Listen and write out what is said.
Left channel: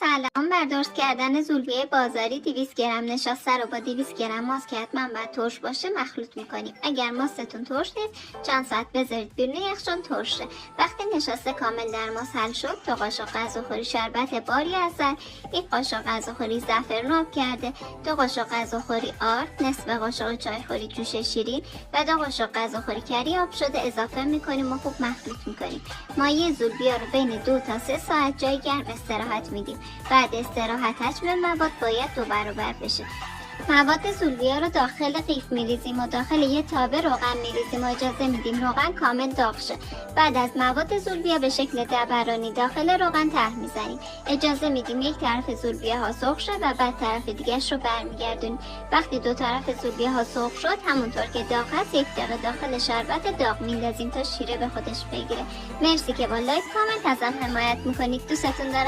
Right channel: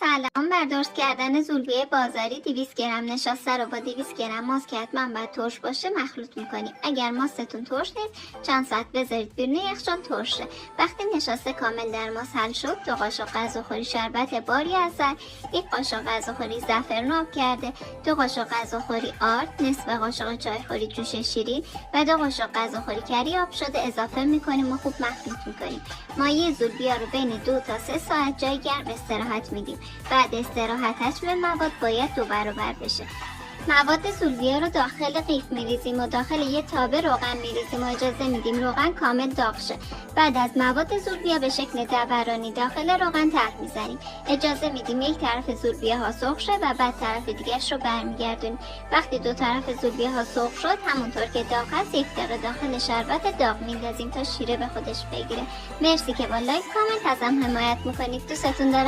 سلام. بر درست کردن زولبیه بازاری 200 گرم نشاسته رو با 200 گرم ماست که حتما باید ترش باشه مخلوط میکنیم. اگر ماستتون ترش نیست چند ساعت بذارید بیرون یخچال ترش شه. وقتی نشاسته کامل در ماست حل شد 2 قاشق غذاخوری شربت باری عسل، 1 قاشق غذاخوری زعفران آب کرده، 2 قاشق غذاخوری آرد، نصف قاشق چایخوری جوش شیرین و 2 قاشق غذاخوری کری آب شده اضافه میکنیم و خوب مخلوط میکنیم. مایه زولبیا رو بین 2 تا 3 ساعت جای گرم استراحت میدیم. بعد استراحت حجم مواد باید 2 برابر بشه. مواد زولبیا رو داخل قیف میریزیم و داخل یه تابه روغن میریزیم و اجازه میدیم روغن کامل داغ شه. بعد از مواد زولبیا به شکل دبرانی داخل روغن ته میزنیم. اجازه میدیم یک طرف زولبیا ها سرخ شه و بعد طرف دیگه‌اش رو برمیگردونیم. وقتی 2 طرف زولبیا ها سرخ شد همونطور که داغ هست 1 دقیقه داخل شربت داغ میندازیم تا شیره به خودش بگیره. مرسی که با لایک کامنت ازم حمایت میکنید. دوستتون دارم.